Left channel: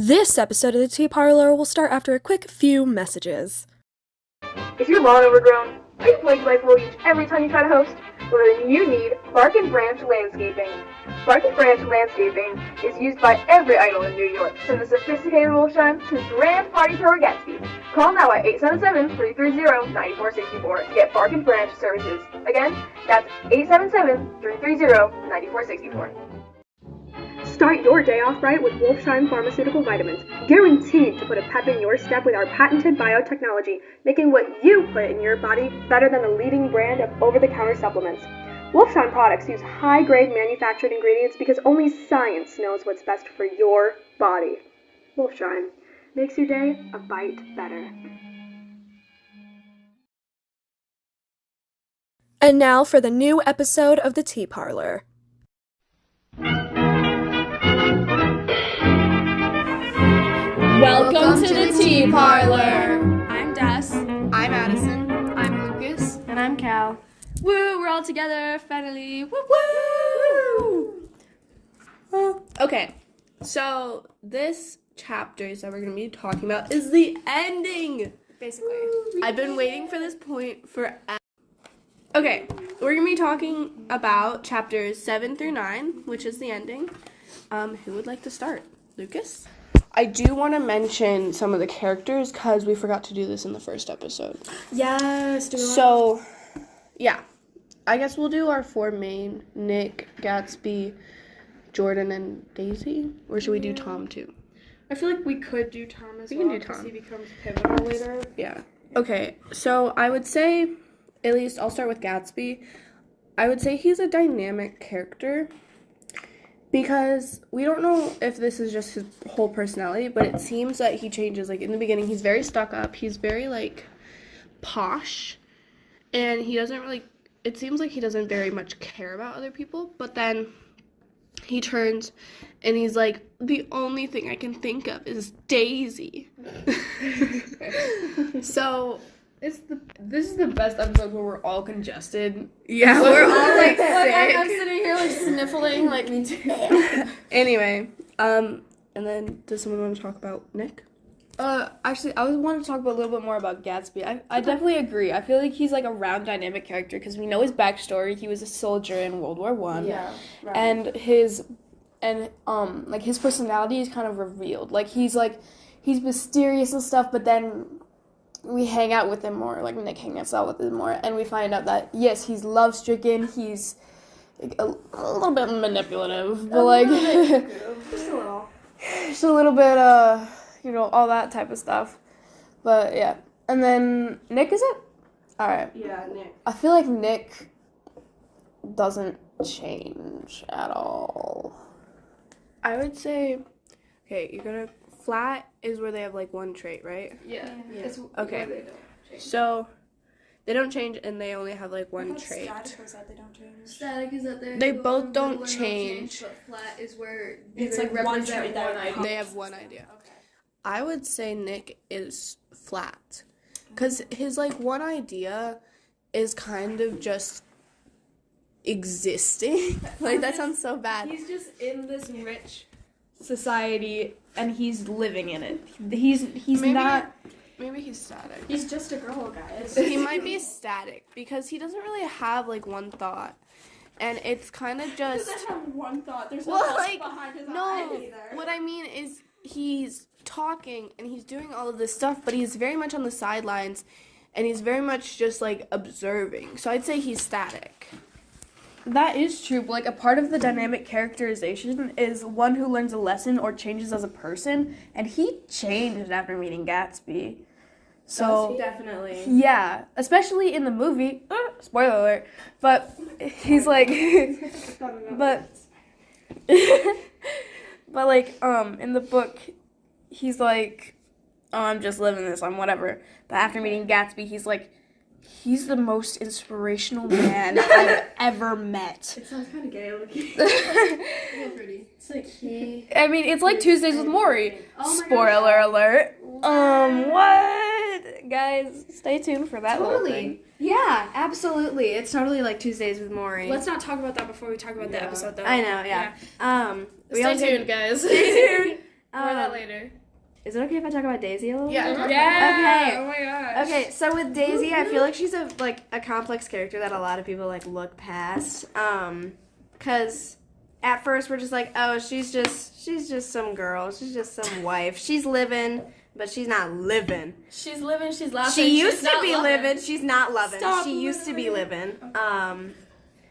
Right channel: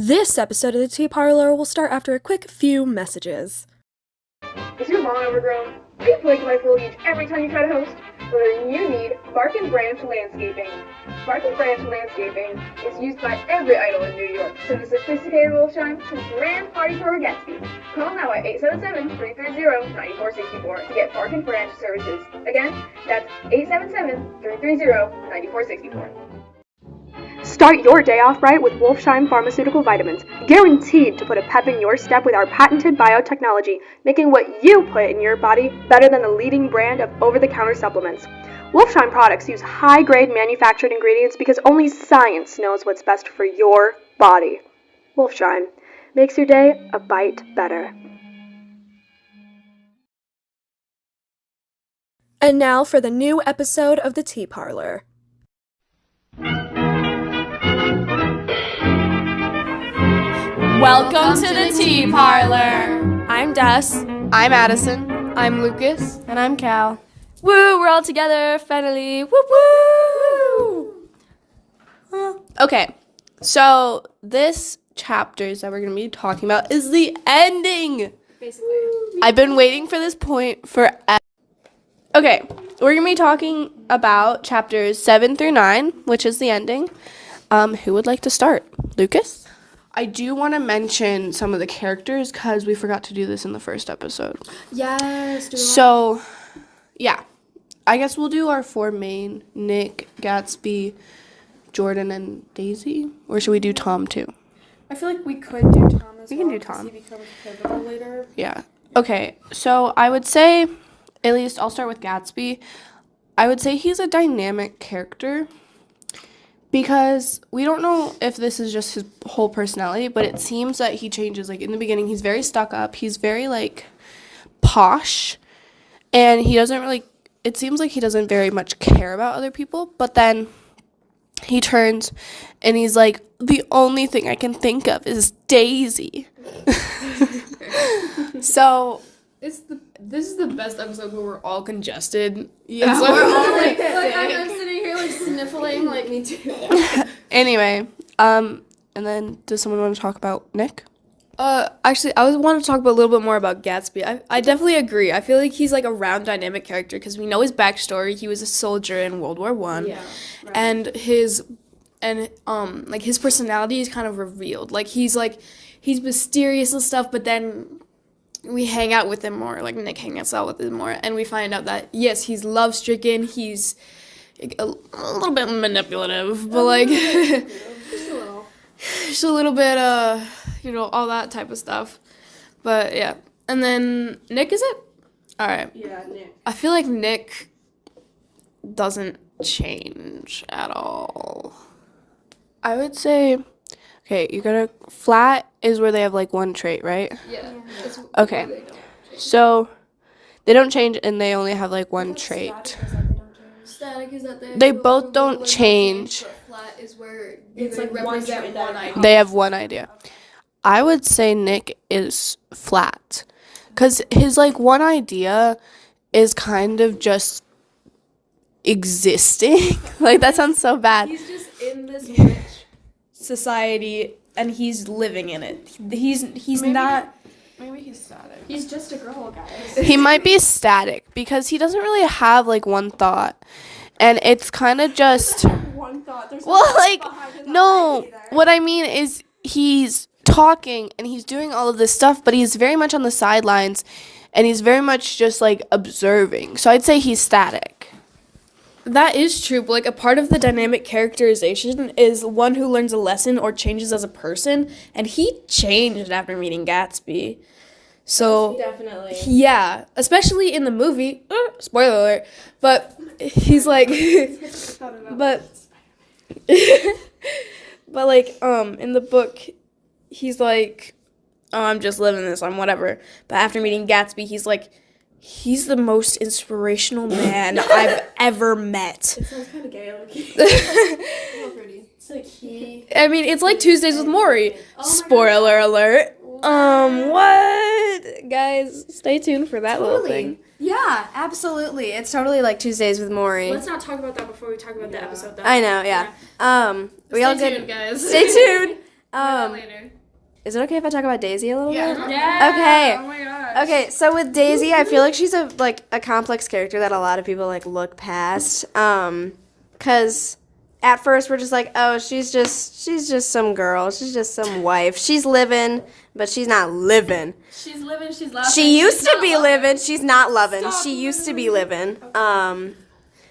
This episode of the Tea Parlor will start after a quick few messages. Is your lawn overgrown? Are you plagued by foliage every time you try to host? Well, then you need Bark and Branch Landscaping. Bark and Branch Landscaping is used by every idol in New York, from the sophisticated Wolfsheim to the grand party thrower Gatsby. Call now at 877-330-9464 and get Bark and Branch services. Again, that's 877-330-9464. Start your day off right with Wolfsheim Pharmaceutical Vitamins, guaranteed to put a pep in your step with our patented biotechnology, making what you put in your body better than the leading brand of over-the-counter supplements. Wolfsheim products use high-grade manufactured ingredients because only science knows what's best for your body. Wolfsheim makes your day a bite better. And now for the new episode of the Tea Parlor. Welcome to the Tea Parlor. I'm Des. I'm Addison. I'm Lucas. And I'm Cal. Woo, we're all together, finally. Woo woo! Okay, so this chapters that we're going to be talking about is the ending. Basically. I've been waiting for this point forever. Okay, we're going to be talking about chapters 7 through 9, which is the ending. Who would like to start? Lucas? I do want to mention some of the characters because we forgot to do this in the first episode. Yes. So, yeah. I guess we'll do our four main, Nick, Gatsby, Jordan, and Daisy. Or should we do Tom too? I feel like we could do Tom as We well. can do Tom. He becomes pivotal later. Yeah. Okay, so I would say, at least I'll start with Gatsby. I would say he's a dynamic character because we don't know if this is just his whole personality, but it seems that he changes. Like, in the beginning, he's very stuck up. He's very, like, posh, and he doesn't really, it seems like he doesn't very much care about other people, but then he turns and he's like, the only thing I can think of is Daisy. So This is the best episode where we're all congested. yeah, So we're all like sick. I'm sick. sitting here like sniffling, like me too. Anyway, and then does someone want to talk about Nick? Actually, I want to talk a little bit more about Gatsby. I definitely agree. I feel like he's like a round dynamic character because we know his backstory. He was a soldier in World War I. Yeah. Right. And his personality is kind of revealed. Like he's mysterious and stuff, but then we hang out with him more. Like Nick hangs out with him more, and we find out that yes, he's love stricken. He's a little bit manipulative, but like just a little bit all that type of stuff. But yeah, and then Nick, is it? All right. Yeah, Nick. I feel like Nick doesn't change at all. I would say, okay, you gotta, flat is where they have like one trait, right? Yeah. Okay, so they don't change and they only have like one trait. Static is that They both don't change. But flat is where It's like one trait that idea. They have one idea. I would say Nick is flat because his like one idea is kind of just existing. Like that sounds so bad. He's just in this rich society and he's living in it. He's not. Maybe he's static. He's just a girl, guys. He might be static because he doesn't really have like one thought, and it's kind of just One thought. There's well, no like behind his no. eye either. What I mean is he's talking and he's doing all of this stuff, but he's very much on the sidelines, and he's very much just like observing. So I'd say he's static. That is true, but like a part of the dynamic characterization is one who learns a lesson or changes as a person, and he changed after meeting Gatsby. So Definitely. yeah, especially in the movie. Spoiler alert. But he's like, but but like in the book, he's like, oh, I'm just living this, I'm whatever. But after meeting Gatsby, he's like, he's the most inspirational man I've ever met. It sounds kind of gay looking. It's like he. I mean, it's like Tuesdays with Maury. Oh my Spoiler alert. What? Guys, stay tuned for that little thing. Yeah, absolutely. It's totally like Tuesdays with Maury. Let's not talk about that before we talk about the episode, though. I know, yeah. We all Stay did. tuned, guys. Stay tuned. Later. Is it okay if I talk about Daisy a little bit? Yeah. Okay. Oh my gosh. Okay, so with Daisy, I feel like she's a complex character that a lot of people like look past. Cause at first we're just like, oh, she's just some girl. She's just some wife. She's living, but she's not living. She's living, she's laughing. She used to be living. She's not loving. She used to be living.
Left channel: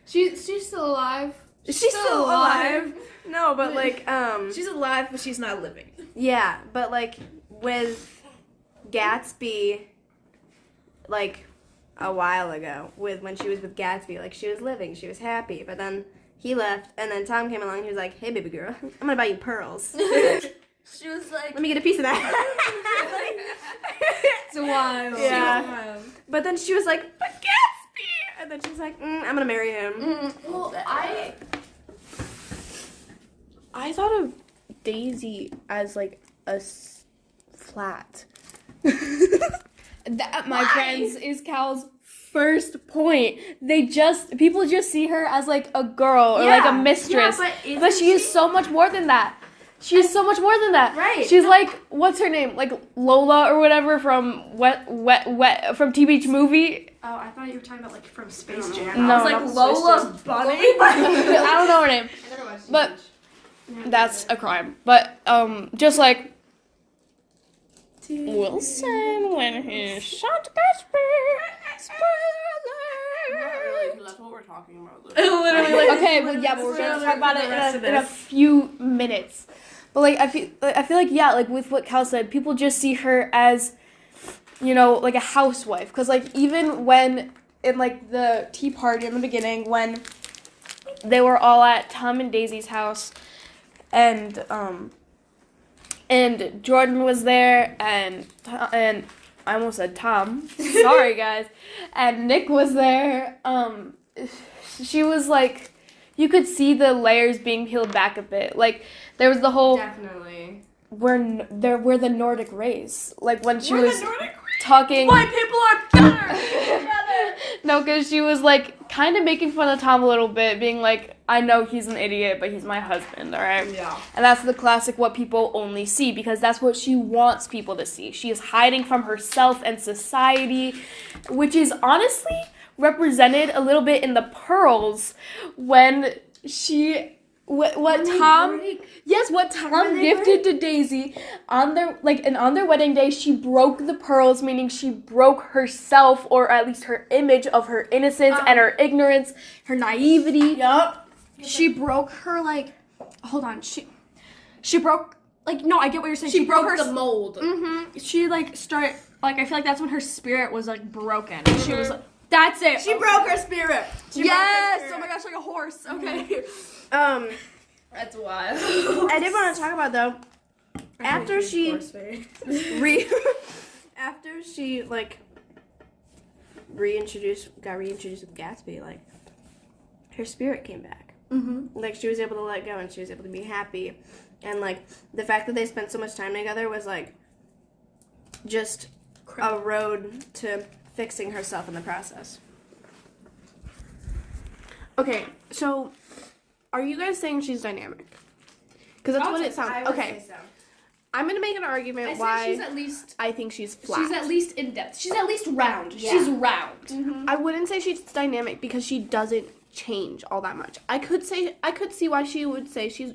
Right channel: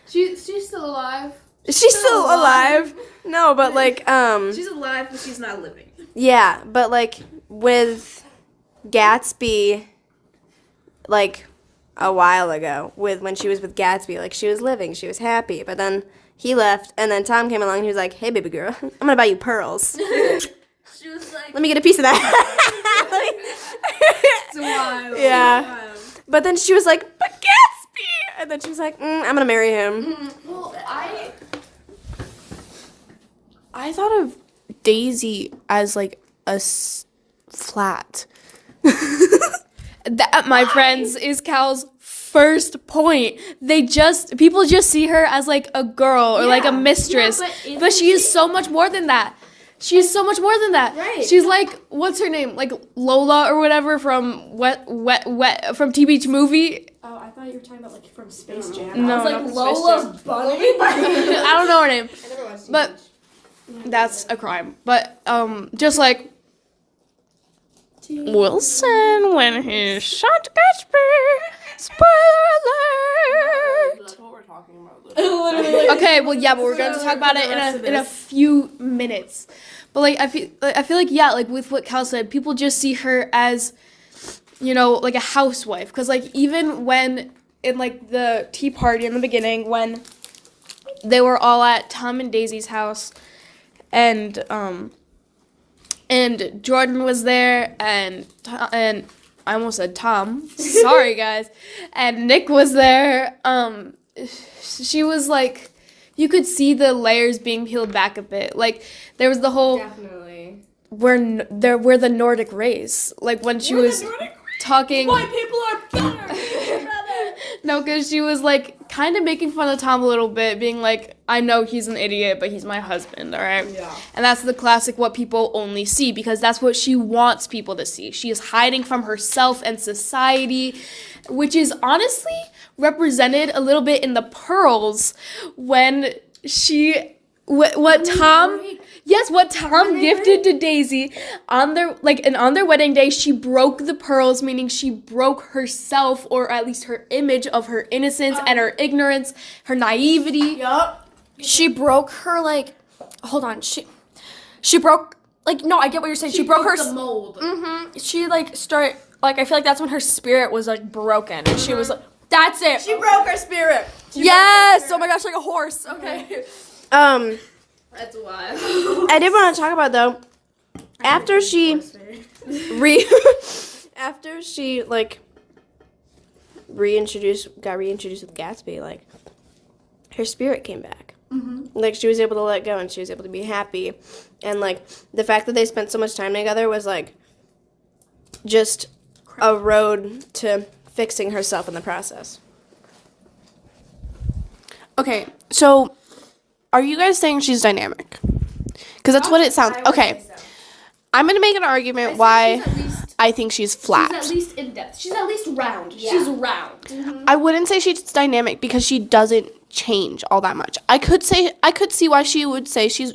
She's still alive. She's still alive. No, but like She's alive, but she's not living. yeah, but like with Gatsby, like a while ago, when she was with Gatsby, like she was living, she was happy, but then he left, and then Tom came along and he was like, hey baby girl, I'm gonna buy you pearls. She was like, Let me get a piece of that. It's wild. Yeah. But then she was like, but Gatsby! And then she was like, I'm gonna marry him. Well, I thought of Daisy as like flat. that, my friends, is Cal's first point. People just see her as like a girl or like a mistress. But she is so much more than that. She is so much more than that. Right. She's like, what's her name? Like Lola or whatever from from Tea Beach Movie. Oh, I thought you were talking about like from Space Jam. No. I was like Lola Bunny. I don't know her name. I never watched But that's a crime. But just like Wilson when he shot Gatsby. Spoiler alert. That's what we're talking about. Literally, like, okay, well, yeah, but we're gonna talk about it in a few minutes. But like, I feel like yeah, like with what Cal said, people just see her as, you know, like a housewife. Cause like even when in like the tea party in the beginning when they were all at Tom and Daisy's house, and Jordan was there, and I almost said Tom. Sorry, guys. And Nick was there. She was like, you could see the layers being peeled back a bit. Like there was the whole Definitely. we're the Nordic race. Like when she was talking. White people are better. No, because she was like kind of making fun of Tom a little bit, being like, I know he's an idiot, but he's my husband, all right? Yeah. And that's the classic what people only see, because that's what she wants people to see. She is hiding from herself and society, which is honestly represented a little bit in the pearls when she... What Tom gifted to Daisy on their wedding day, she broke the pearls, meaning she broke herself, or at least her image of her innocence and her ignorance, her naivety. Yup. She broke her, like, hold on, she broke, like, no, I get what you're saying. She broke her the mold. She, like, I feel like that's when her spirit was, like, broken. She was, that's it. She broke her spirit. Yes! Oh my gosh, like a horse. Okay. That's wild. I did want to talk about though, after she like got reintroduced with Gatsby, like her spirit came back. Mm-hmm. Like she was able to let go and she was able to be happy, and like the fact that they spent so much time together was like just a road to fixing herself in the process. Okay, so are you guys saying she's dynamic? Because that's what it sounds. Okay, I'm gonna make an argument why I think she's flat. She's at least in depth. She's at least round. Yeah. She's round. Mm-hmm. I wouldn't say she's dynamic because she doesn't change all that much. I could see why she would say she's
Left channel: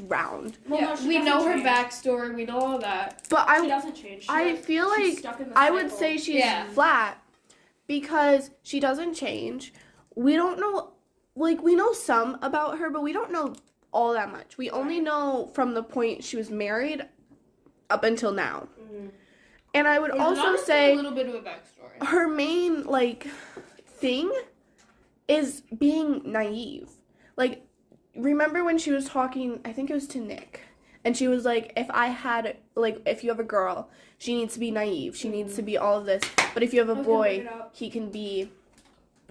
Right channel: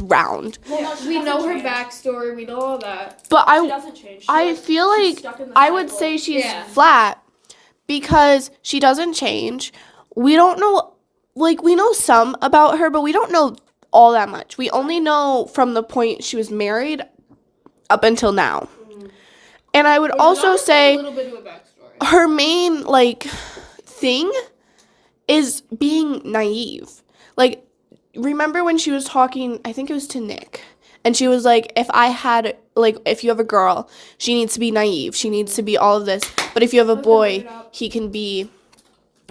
round. Well, no, we know her backstory. We know all that. But She doesn't change. I feel like I would say she's flat because she doesn't change. We don't know, like, we know some about her, but we don't know all that much. We only know from the point she was married up until now. Mm-hmm. And I would also say a little bit of a backstory. Her main, like, thing is being naive. Like, remember when she was talking, I think it was to Nick, and she was like, if you have a girl, she needs to be naive. She needs to be all of this. But if you have a boy, he can be,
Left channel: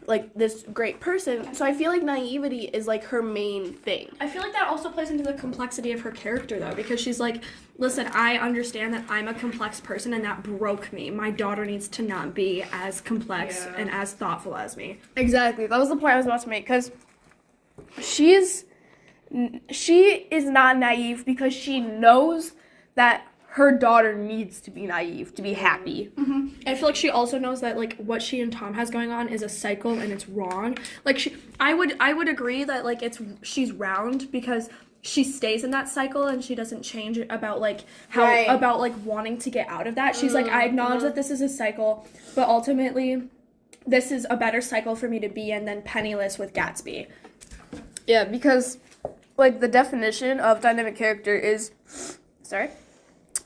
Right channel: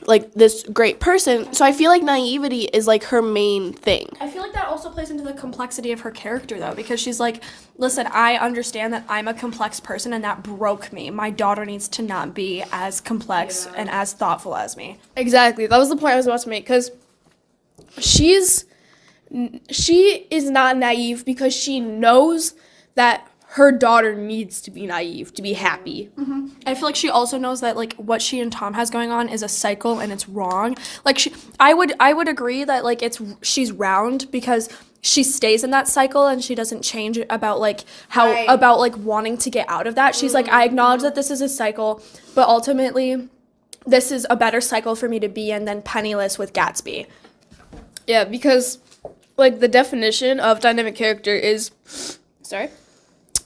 like, this great person. So I feel like naivety is, like, her main thing. I feel like that also plays into the complexity of her character, though, because she's like, listen, I understand that I'm a complex person and that broke me. My daughter needs to not be as complex and as thoughtful as me. Exactly. That was the point I was about to make, because she's she is not naive because she knows that her daughter needs to be naive to be happy. I feel like she also knows that like what she and Tom has going on is a cycle and it's wrong. Like I would agree that like she's round because she stays in that cycle and she doesn't change about like how about like wanting to get out of that. She's like, I acknowledge that this is a cycle, but ultimately this is a better cycle for me to be in than penniless with Gatsby. Yeah, because like the definition of dynamic character is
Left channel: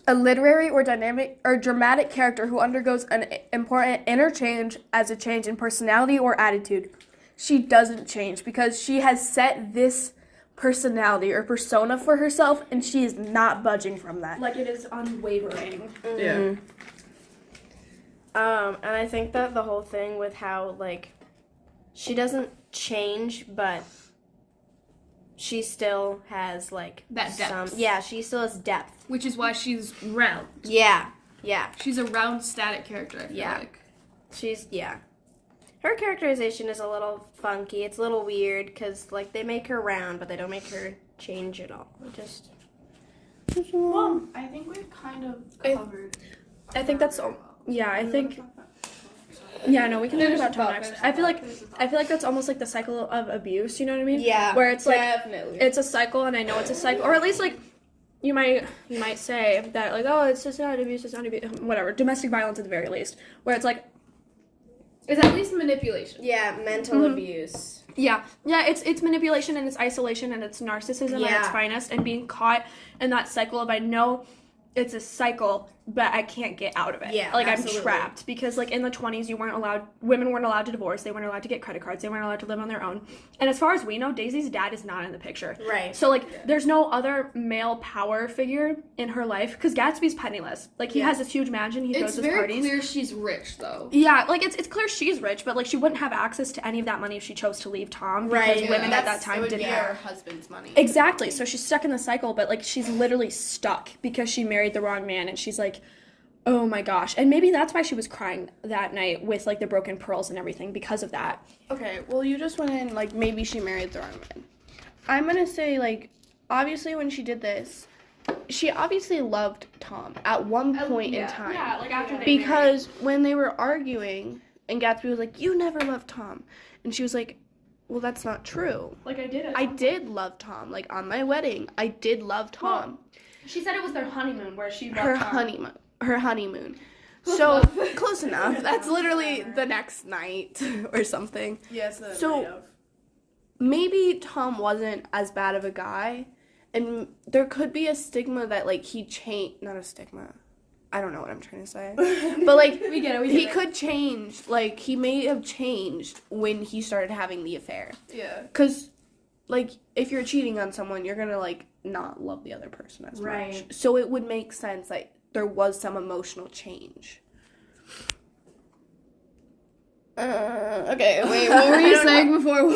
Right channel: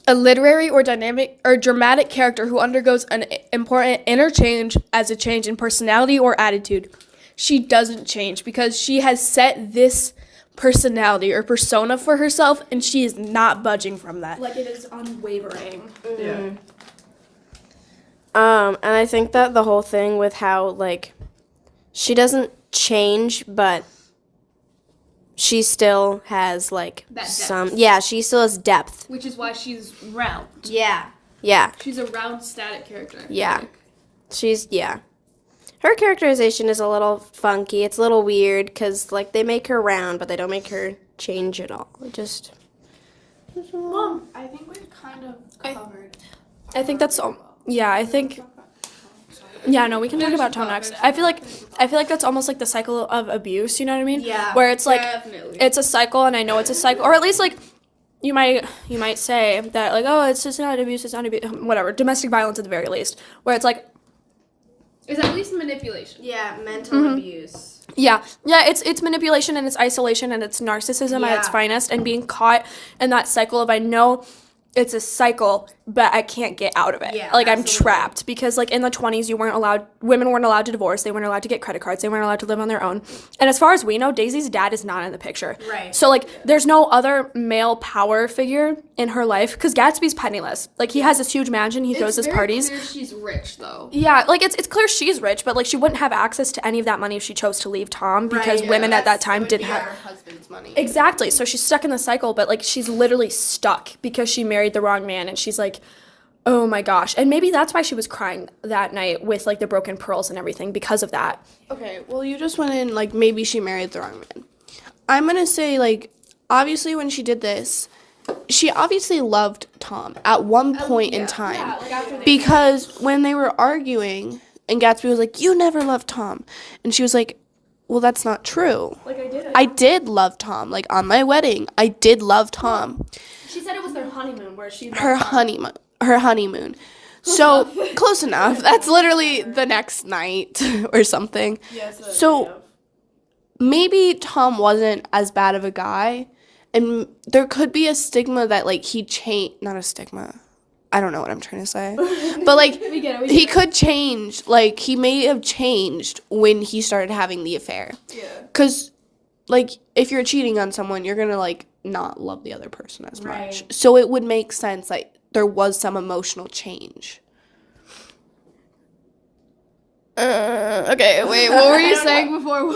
a literary or dynamic or dramatic character who undergoes an important interchange as a change in personality or attitude. She doesn't change because she has set this personality or persona for herself and she is not budging from that. Like it is unwavering. And I think that the whole thing with how, like, she doesn't change, but she still has, like, That depth. she still has depth. Which is why she's round. Yeah. She's a round static character. Yeah. Her characterization is a little funky. It's a little weird because, like, they make her round, but they don't make her change at all. Just I think we've kind of covered. I think that's all. Yeah, I think. Yeah, no, we can talk about Tom next. I feel like that's almost like the cycle of abuse. You know what I mean? Yeah, where it's like definitely. it's a cycle, and I know it's a cycle, or at least like you might say that like, oh, it's just not abuse, it's not abuse, whatever, domestic violence at the very least, where it's like, It's at least manipulation. yeah, mental abuse. yeah, it's manipulation and it's isolation and it's narcissism at its finest, and being caught in that cycle of I know it's a cycle, but I can't get out of it. Yeah, like absolutely. I'm trapped because like in the 20s women weren't allowed to divorce, they weren't allowed to get credit cards, they weren't allowed to live on their own. And as far as we know, Daisy's dad is not in the picture. Right. So like there's no other male power figure in her life because Gatsby's penniless. Like he has this huge mansion, he throws his parties. It's very clear she's rich though. Yeah, like it's clear she's rich, but like she wouldn't have access to any of that money if she chose to leave Tom because women at that time didn't have her husband's money. Exactly. So she's stuck in the cycle, but like she's literally stuck because she married the wrong man, and she's like, oh my gosh. And maybe that's why she was crying that night with like the broken pearls and everything because of that. Okay, well, you just went in, like, maybe she married the wrong man. I'm gonna say, like, obviously when she did this, she obviously loved Tom at one point in time. Yeah, like after they Because when they were arguing, and Gatsby was like, you never loved Tom. And she was like, well, that's not true. like I did it. I did love Tom. Like, on my wedding, I did love Tom. She said it was their honeymoon where she Her honeymoon. So, close enough. That's literally the next night or something. So, maybe Tom wasn't as bad of a guy, and there could be a stigma that, like, he changed. Not a stigma. I don't know what I'm trying to say. But, like, he could change. Like, he may have changed when he started having the affair. Yeah. Because, like, if you're cheating on someone, you're going to, like, not love the other person as much. So it would make sense, like, there was some emotional change. Okay, wait, what were you saying before?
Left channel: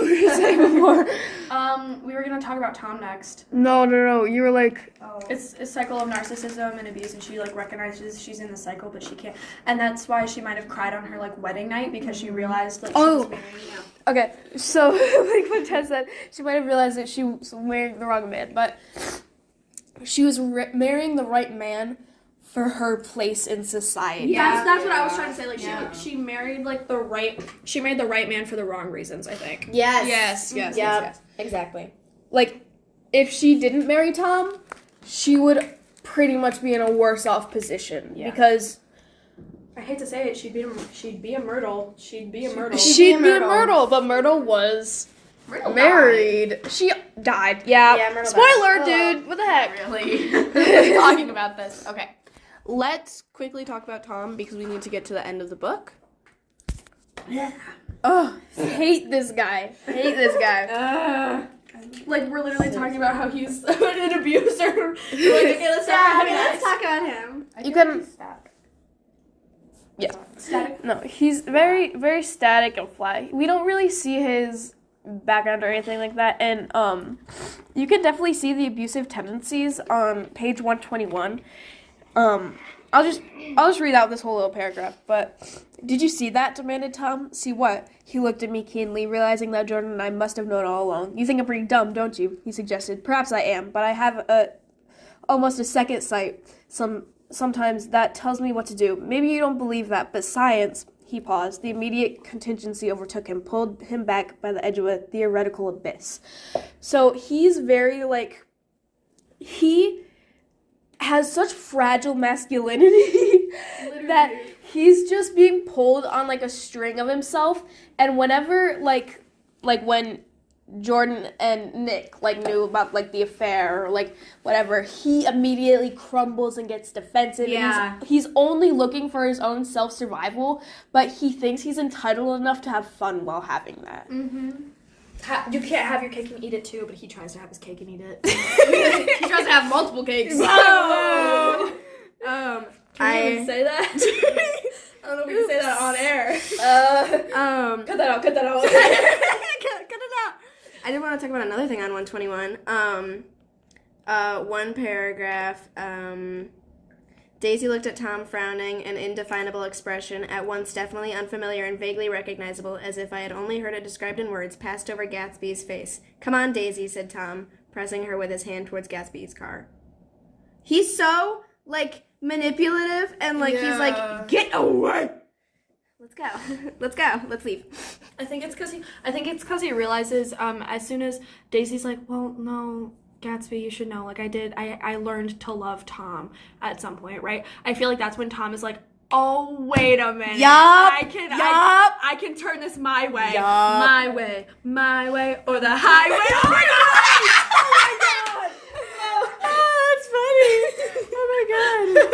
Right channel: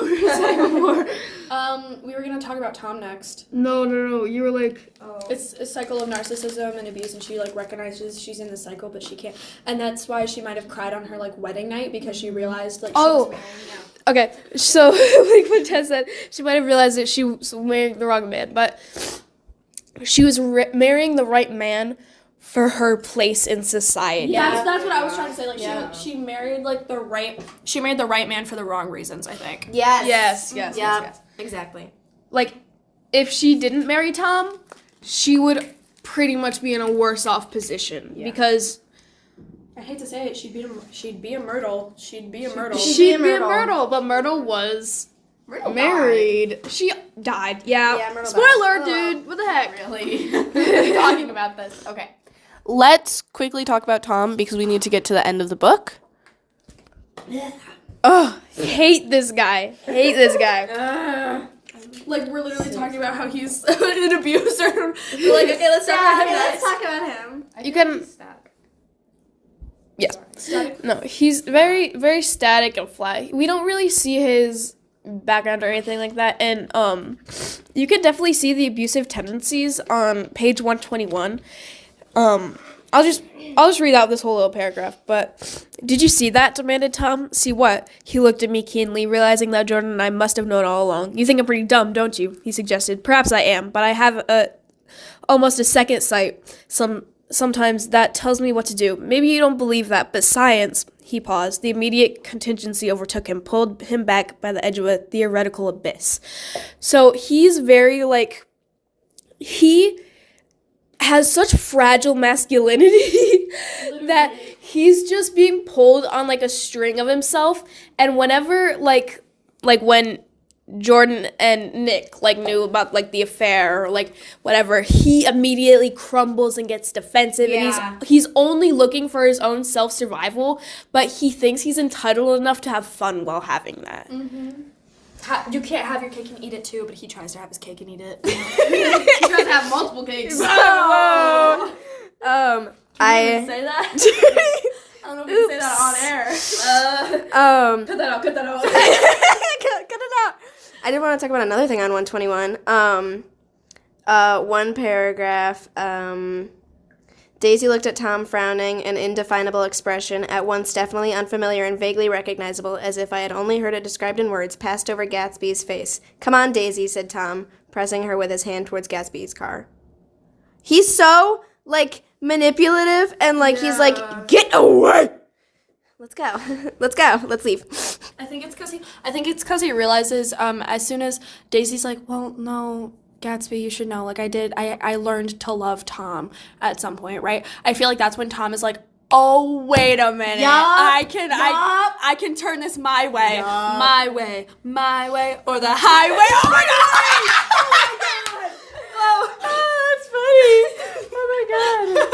we were gonna talk about Tom next. No. You were like, It's a cycle of narcissism and abuse, and she like recognizes she's in the cycle, but she can't. And that's why she might have cried on her like wedding night because she realized like she was marrying. Yeah. okay, so like what Tess said, she might have realized that she was marrying the wrong man, but she was marrying the right man for her place in society. That's what I was trying to say. Like she married like the right man for the wrong reasons, I think. Yes. Yes. Exactly. Like, if she didn't marry Tom, she would pretty much be in a worse off position because I hate to say it, she'd be a Myrtle. She'd be a Myrtle. she'd be a Myrtle, but Myrtle was married. She died. Yeah. Myrtle Spoiler, died. dude. What the heck? Really? Talking about this. Okay. Let's quickly talk about Tom because we need to get to the end of the book. Ugh, hate this guy. Like we're literally talking about how he's an abuser. Like okay, let's talk about him. You can. Yeah. No, he's very, very static and flat. We don't really see his background or anything like that, and you can definitely see the abusive tendencies on page 121. I'll just read out this whole little paragraph. But did you see that? Demanded Tom. See what? He looked at me keenly, realizing that Jordan and I must have known all along. You think I'm pretty dumb, don't you? He suggested. Perhaps I am, but I have almost a second sight. Sometimes that tells me what to do. Maybe you don't believe that, but science. He paused. The immediate contingency overtook him, pulled him back by the edge of a theoretical abyss. So he's very he has such fragile masculinity that he's just being pulled on a string of himself. And whenever when Jordan and Nick knew about the affair or whatever, he immediately crumbles and gets defensive. Yeah. And he's only looking for his own self-survival, but he thinks he's entitled enough to have fun while having that. You can't have your cake and eat it too, but he tries to have his cake and eat it. He tries to have multiple cakes. I Say that? I don't know if we can say that on air. cut that out. Cut it out. I did want to talk about another thing on 121. One paragraph. Daisy looked at Tom, frowning, an indefinable expression, at once definitely unfamiliar and vaguely recognizable, as if I had only heard it described in words, passed over Gatsby's face. Come on, Daisy, said Tom, pressing her with his hand towards Gatsby's car. He's so, manipulative, and, he's like, get away! Let's go. Let's leave. I think it's because he realizes as soon as Daisy's like, well, no, Gatsby, you should know, I learned to love Tom at some point, right? I feel like that's when Tom is like, oh, wait a minute. I can turn this my way. Yep. My way, or the highway. Oh my god! Oh, that's funny. Oh my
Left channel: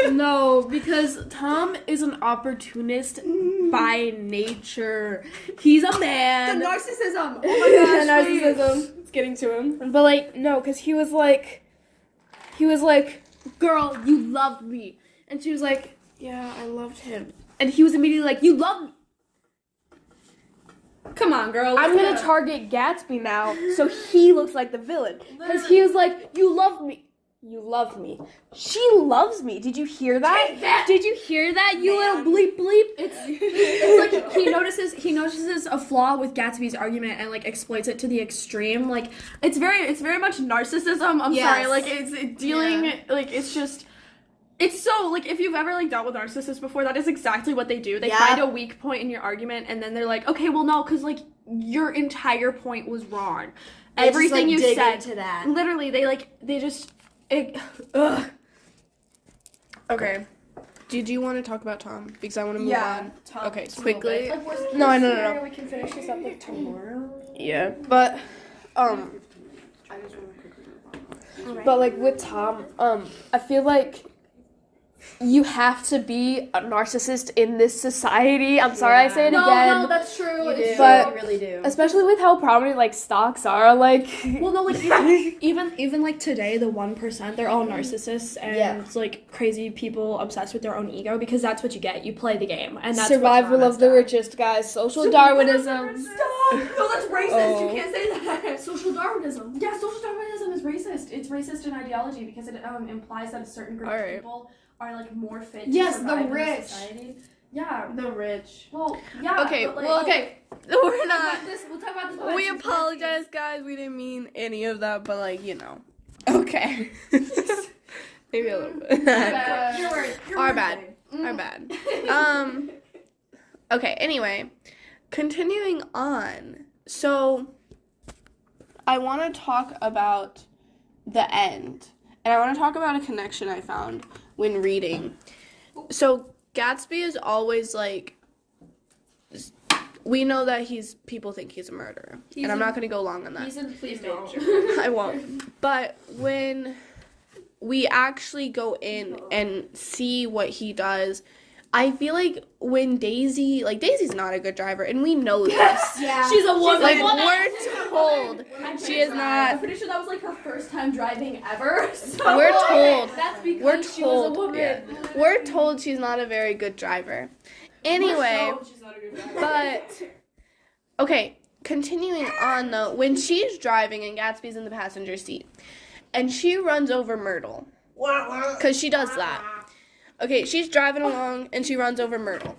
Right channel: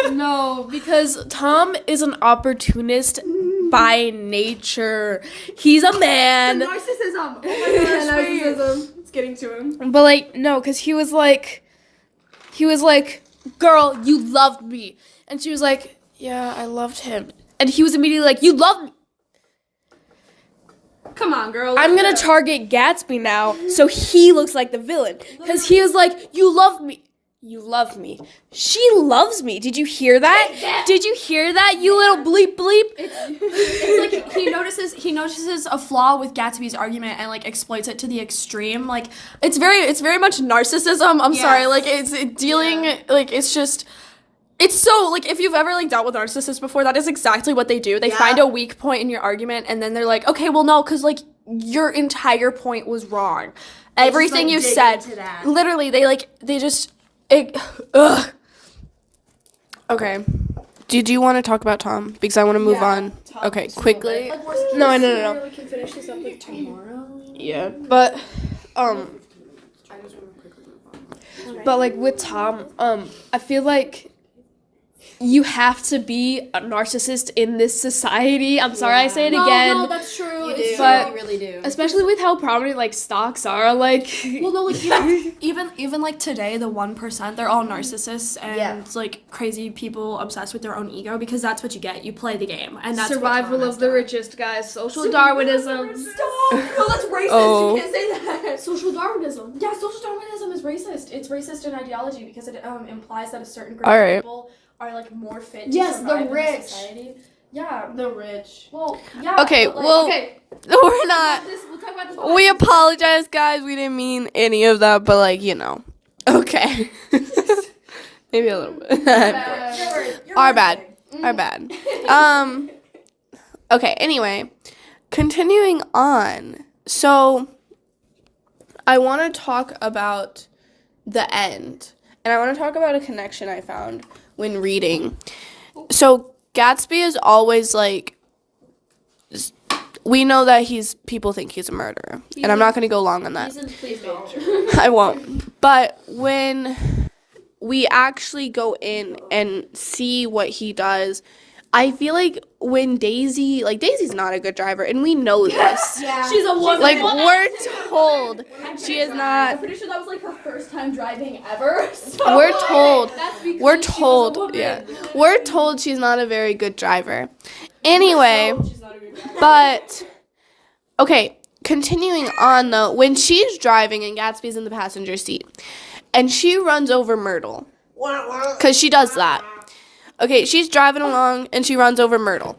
god. No, because Tom is an opportunist by nature. He's a man. Narcissism. Oh my gosh, Narcissism. It's getting to him. But no, because he was like, girl, you loved me. And she was like, yeah, I loved him. And he was immediately like, you loved me. Come on, girl. I'm going to target Gatsby now so he looks like the villain. Because he was like, you loved me. You love me. She loves me. Did you hear that? Did you hear that, you little bleep bleep? It's like he notices a flaw with Gatsby's argument and exploits it to the extreme. It's very much narcissism. I'm sorry. It's so, if you've ever, dealt with narcissists before, that is exactly what they do. They find a weak point in your argument, and then they're like, okay, well, no, because, your entire point was wrong. Everything you said. Literally, they just... ugh. Okay. Did you want to talk about Tom? Because I want to move on. Okay, quickly. No. We can finish this up tomorrow. Yeah, but, with Tom, I feel like you have to be a narcissist in this society. I'm sorry I say it again. No, that's true. It's But true. You really do. especially with how prominent stocks are, Well, no, even today, the 1%, they're all narcissists and crazy people obsessed with their own ego, because that's what you get. You play the game, and that's survival of the richest, guys. Social Darwinism. Stop! No, that's racist. Oh. You can't say that. Social Darwinism. Yeah, social Darwinism is racist. It's racist in ideology because it implies that a certain group All of right. people are more fit to Yes, survive the in rich. society. Yeah. The rich. Well, yeah. Okay, but, well, Okay. we're not. We'll talk about this. We apologize, guys. We didn't mean any of that, but okay. Maybe a little bit. Our bad. Our bad. Okay, anyway, continuing on. So, I want to talk about the end. And I want to talk about a connection I found when reading. So, Gatsby is always we know that people think he's a murderer. And I'm not going to go long on that. Please don't. I won't. But when we actually go in and see what he does, I feel like when Daisy's not a good driver, and we know this. Yeah. She's a woman. We're told she is I'm not. pretty sure that was her first time driving ever. So. We're told. That's because We're she was a told. woman. Yeah. We're told she's not a very good driver. Anyway, but okay, continuing on though, when she's driving and Gatsby's in the passenger seat, and she runs over Myrtle, because she does that. Okay, she's driving along and she runs over Myrtle.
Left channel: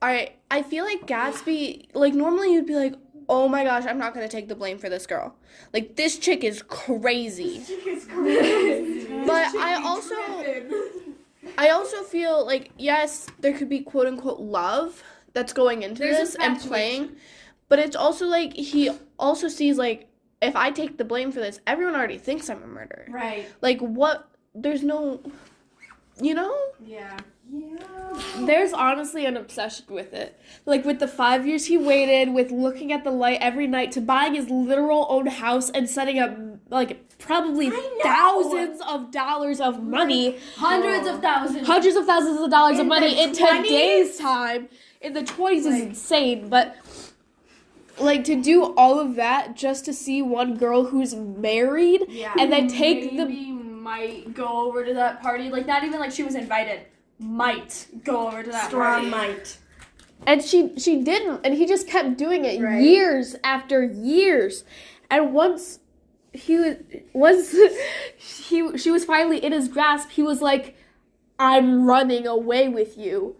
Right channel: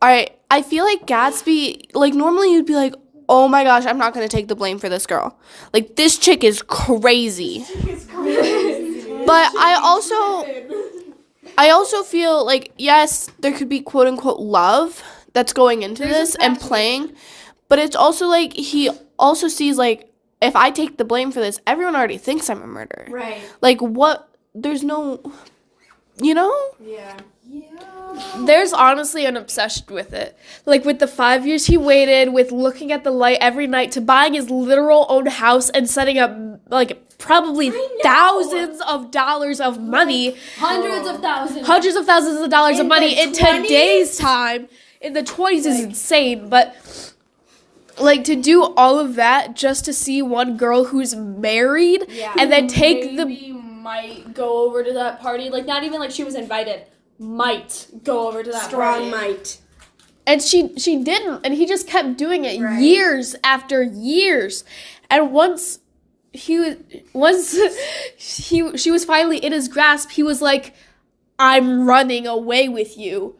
All right, I feel like Gatsby, like normally you'd be like, oh my gosh, I'm not going to take the blame for this girl. Like, this chick is crazy. But I also feel like, yes, there could be quote unquote love that's going into this and playing. But it's also like he also sees like, if I take the blame for this, everyone already thinks I'm a murderer. Right. Like, what? There's no, you know? Yeah. There's honestly an obsession with it. Like with the 5 years he waited, with looking at the light every night, to buying his literal own house and setting up like probably thousands of dollars of money. Hundreds of thousands of dollars of money in today's time. In the 20s is insane, but like to do all of that just to see one girl who's married and then take might go over to that party. Like, not even like she was invited. Might go over to that Strong party. might. And she didn't, and he just kept doing it years after years. And once she was finally in his grasp, he was like, I'm running away with you.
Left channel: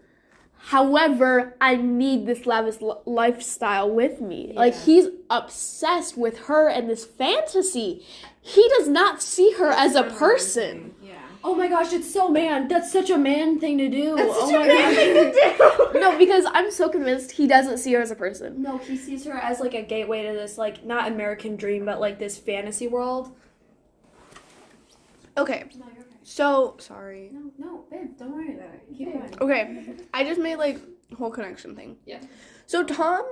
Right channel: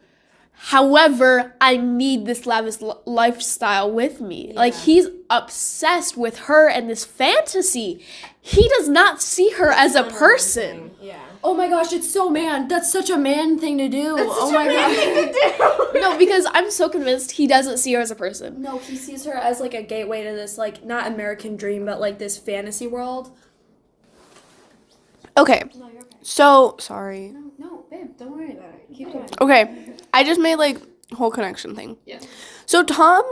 However, I need this lavish lifestyle with me. Yeah. Like, he's obsessed with her and this fantasy. He does not see her as a person. Yeah. Oh my gosh, it's so man. That's such a man thing to do. That's such a man thing to do. No, because I'm so convinced he doesn't see her as a person. No, he sees her as like a gateway to this, like, not American dream, but like this fantasy world. Okay. No, you're okay. So, sorry. No, babe, don't worry about it. Keep going. Okay. I just made like whole connection thing. Yeah. So Tom,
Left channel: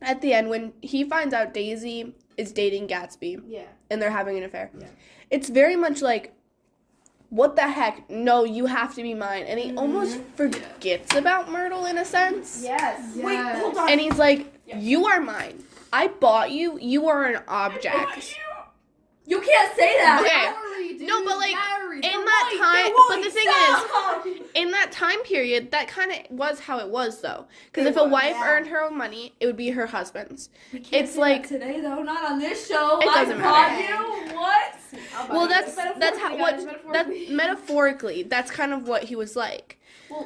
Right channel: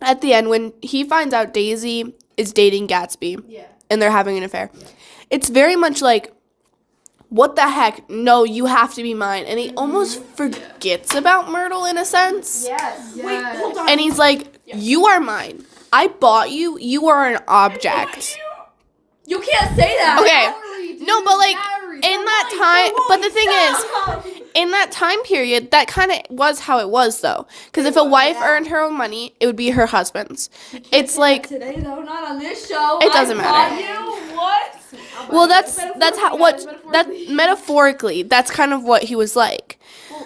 at the end, when he finds out Daisy is dating Gatsby and they're having an affair, it's very much like, what the heck? No, you have to be mine. And he almost forgets about Myrtle in a sense. Yes. Wait, hold on. And he's like, you are mine. I bought you. You are an object. You can't say that. Okay. No, but like, in that time, but the thing is, in that time period, that kind of was how it was, though. Because if a wife earned her own money, it would be her husband's. It's like, today though, not on this show. It doesn't matter. You what? well, that's how that metaphorically, that's kind of what he was like.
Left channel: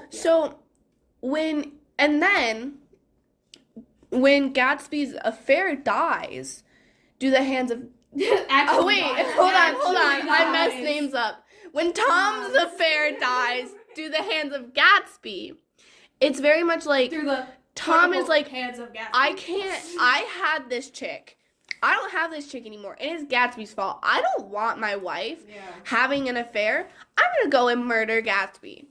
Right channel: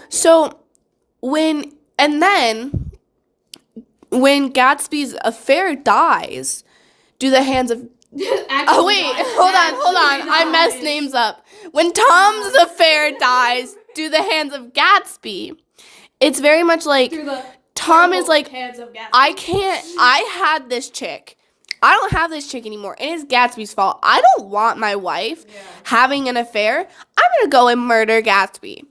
So when Gatsby's affair dies, do the hands of oh wait, hold on. I messed names up. When Tom's affair dies, do the hands of Gatsby. It's very much like Tom is like, hands of Gatsby. I had this chick. I don't have this chick anymore. And it's Gatsby's fault. I don't want my wife having an affair. I'm gonna go and murder Gatsby.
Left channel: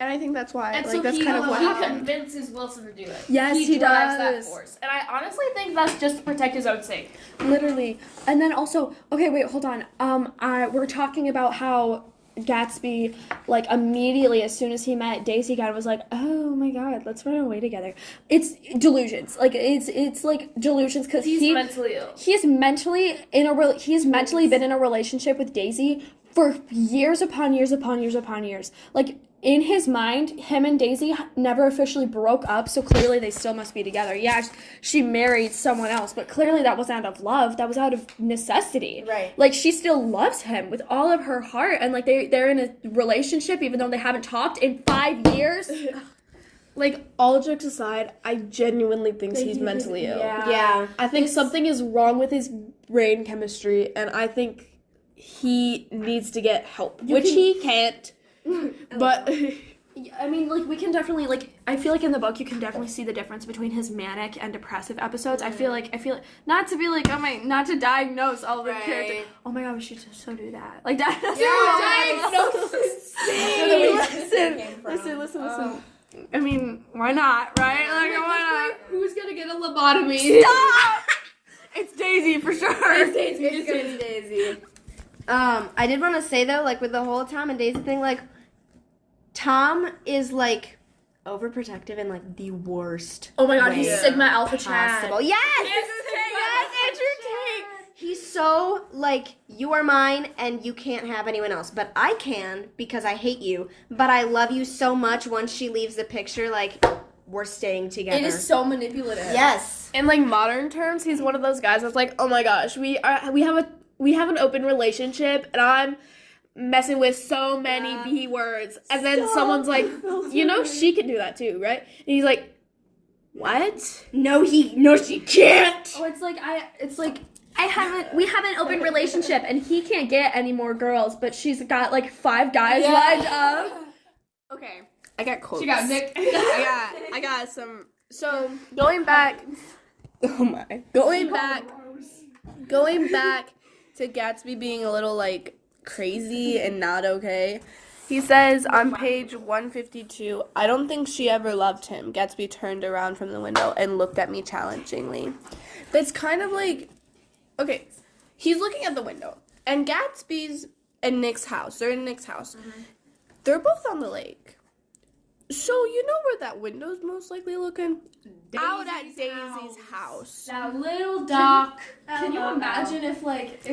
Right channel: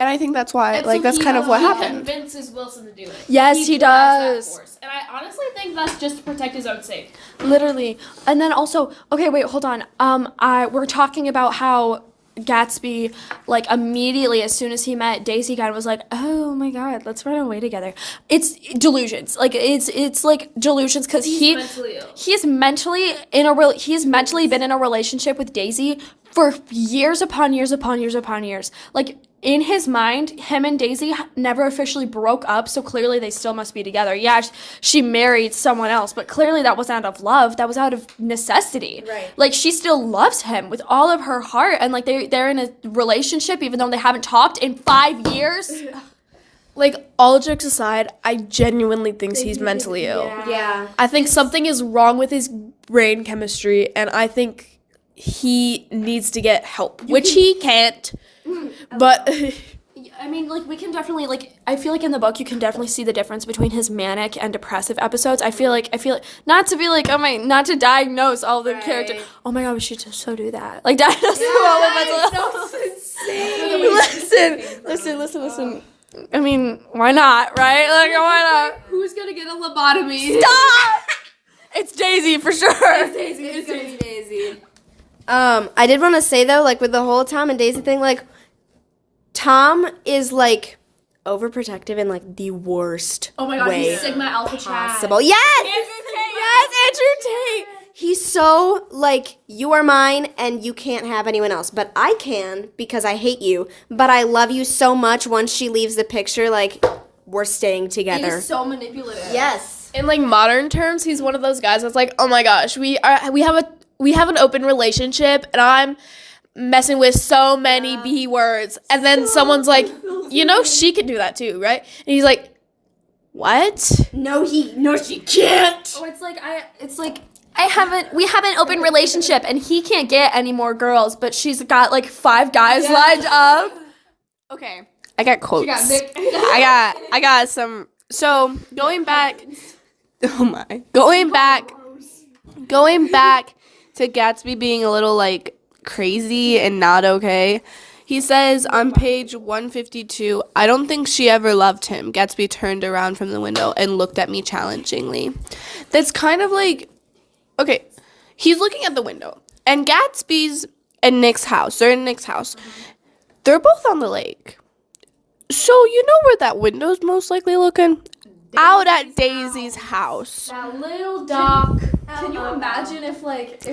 And I think that's why, And like, so that's kind of what happened. He convinces Wilson to do it. Yes, he drives does. That force. And I honestly think that's just to protect his own sake. Literally. And then also, okay, wait, hold on. We're talking about how Gatsby, like, immediately as soon as he met Daisy again, was like, oh my god, let's run away together. It's delusions. Like, it's like delusions because he's mentally ill. He's mentally been in a relationship with Daisy for years upon years upon years upon years. Like, in his mind, him and Daisy never officially broke up, so clearly they still must be together. Yeah, she married someone else, but clearly that wasn't out of love. That was out of necessity. Right. Like, she still loves him with all of her heart, and, like, they're in a relationship even though they haven't talked in 5 years. Like, all jokes aside, I genuinely think he's mentally ill. Yeah. I think something is wrong with his brain chemistry, and I think he needs to get help, which he can't. But I mean, like, we can definitely, like, I feel like in the book you can definitely see the difference between his manic and depressive episodes. I feel like not to be like, not to diagnose all the characters. Oh my god, we should just so do that. Like, diagnose Listen. I mean, why not, right? Like, why not? Who's gonna get a lobotomy? Stop! It's Daisy for sure. It's gonna be Daisy. I did want to say though, like with the whole Tom and Daisy thing, like Tom is like overprotective in like the worst. Oh my god, way he's Sigma Alpha possible. Chad. Yes, Andrew Tate. He's so like, you are mine and you can't have anyone else, but I can because I hate you. But I love you so much. Once she leaves the picture, like we're staying together. It is so manipulative. Yes. in like modern terms, he's one of those guys that's like, oh my gosh, we have an open relationship and I'm messing with so many B words. And then someone's like, she can do that too, right? And he's like, what? No, she can't. Oh, we have an open relationship and he can't get any more girls, but she's got like 5 guys lined up. Okay. I got quotes. I got some. So going back. Oh my. Going back to Gatsby being a little like crazy and not okay. He says on page 152, I don't think she ever loved him. Gatsby turned around from the window and looked at me challengingly. That's kind of like, okay, he's looking at the window. And Gatsby's and Nick's house, they're in Nick's house. They're both on the lake. So you know where that window's most likely looking? Out at Daisy's house. That little dock. Can you imagine if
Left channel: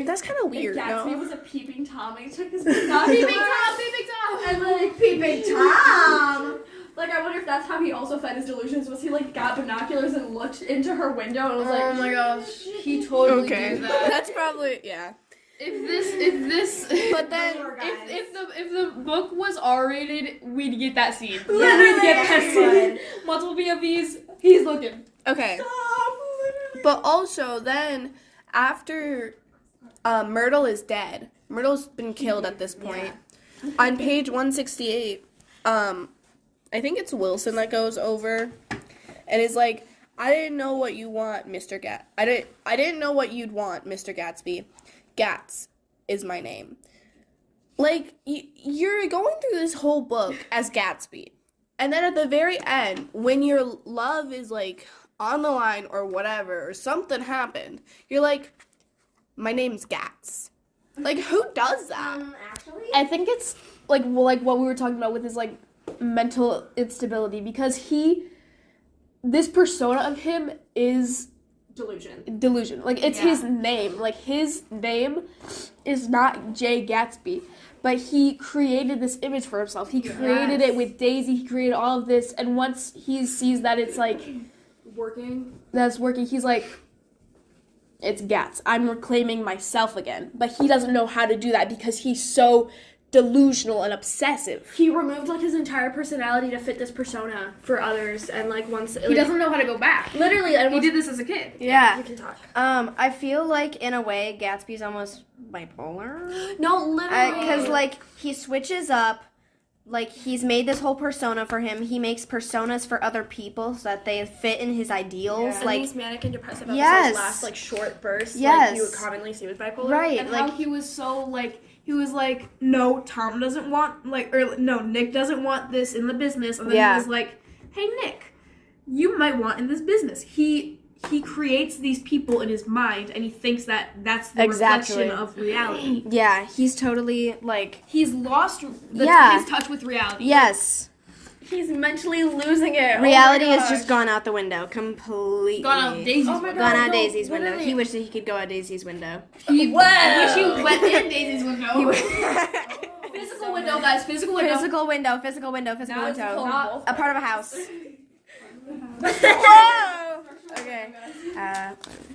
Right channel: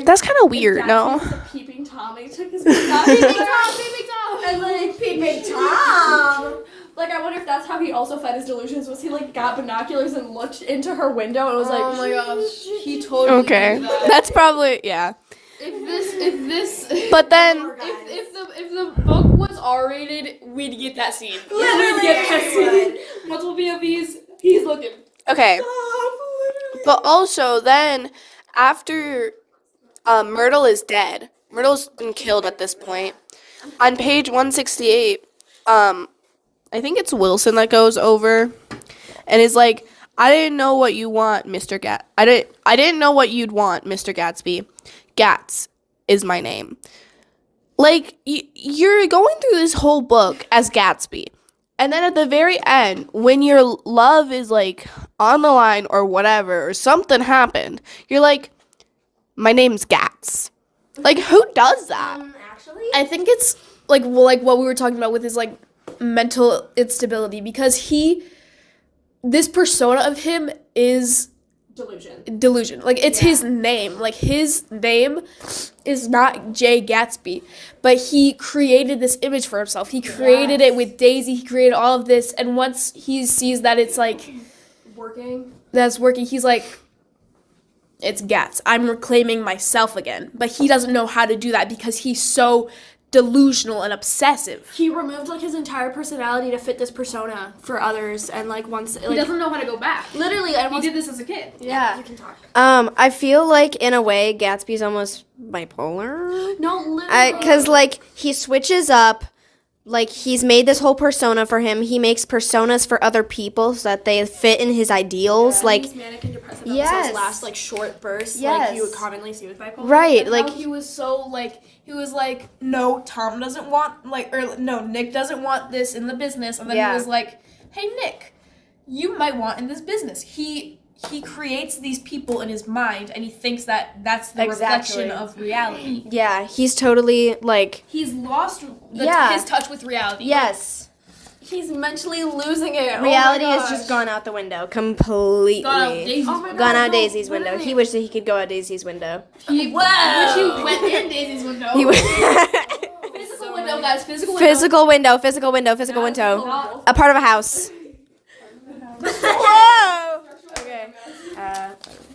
That's kind of weird, no? Was a peeping Tom and he took his peeping Tom, and like peeping Tom. Like I wonder if that's how he also fed his delusions. Was he like got binoculars and looked into her window and was like, oh my gosh, he totally Okay, did that. that's probably If this, But then, if the book was R-rated, we'd get that scene. We'd get that scene. Multiple POVs. He's looking. okay. But also then, after Myrtle is dead, Myrtle's been killed at this point. On page 168, I think it's Wilson that goes over and is like, I didn't know what you want, Mr. I didn't know what you'd want, Mr. Gatsby. Gats is my name. Like, you're going through this whole book as Gatsby. And then at the very end, when your love is, like, on the line or whatever, or something happened, you're like, my name's Gats. Like, who does that? I think it's, like what we were talking about with his, like, mental instability. Because this persona of him is delusion. Like, it's his name. Like, his name is not Jay Gatsby, but he created this image for himself. He created it with Daisy. He created all of this, and once he sees that it's like working, he's like, it's Gats. I'm reclaiming myself again. But he doesn't know how to do that because he's so delusional and obsessive. He removed like his entire personality to fit this persona for others, and like once He doesn't know how to go back. Literally, He did this as a kid. Yeah. You can talk. I feel like in a way Gatsby's almost bipolar. No, literally. Because like he switches up. Like he's made this whole persona for him. He makes personas for other people so that they fit in his ideals. Yeah, like these manic and depressive Yes. episodes last like short bursts. Yes. Like you would commonly see with bipolar. right, And like how he was so like he was like, no, Tom doesn't want Nick doesn't want this in the business, and then Yeah. he was like, hey Nick, you might want in this business. He creates these people in his mind, and he thinks that that's the Exactly. reflection of reality. yeah, he's totally like He's lost Yeah. his touch with reality. yes. He's mentally losing it. Reality Oh my has just gosh. gone out the window completely. Gone out Daisy's Oh my window. Gone out no, Daisy's window. literally. He wished that he could go out Daisy's window. He went in Daisy's window. He was Physical window, guys. Physical window. physical window. Whoa. A part of a house. Whoa. Okay.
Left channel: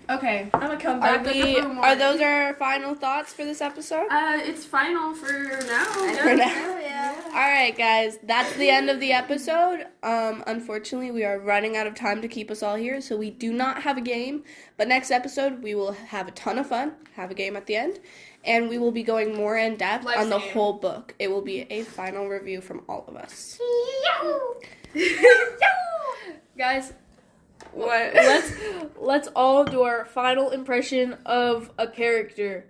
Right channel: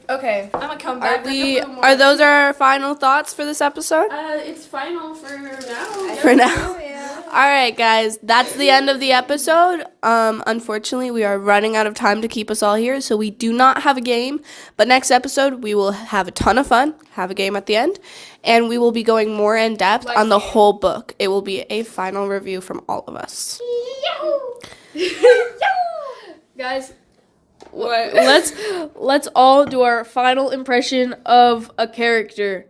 Okay. I'm gonna come back. Are those our final thoughts for this episode? It's final for now. For now. All right, guys, that's the end of the episode. Unfortunately, we are running out of time to keep us all here, so we do not have a game. But next episode, we will have a ton of fun, have a game at the end, and we will be going more in depth on the whole book. It will be a final review from all of us. Guys, let's all do our final impression of a character.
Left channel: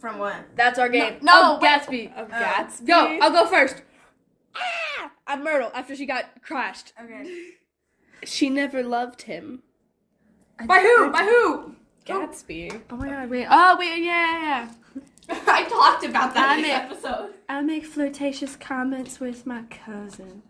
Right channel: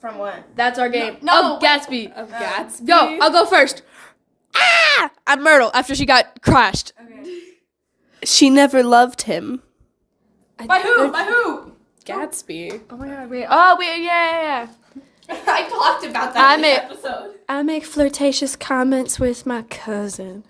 From what? That's our game. No. Of Gatsby. Of Gatsby. Go, I'll go first. Ah! I'm Myrtle after she got crushed. She never loved him. By who? By who? Gatsby. Oh my god, wait. Oh, wait, yeah. I talked about that in this episode. I make flirtatious comments with my cousin.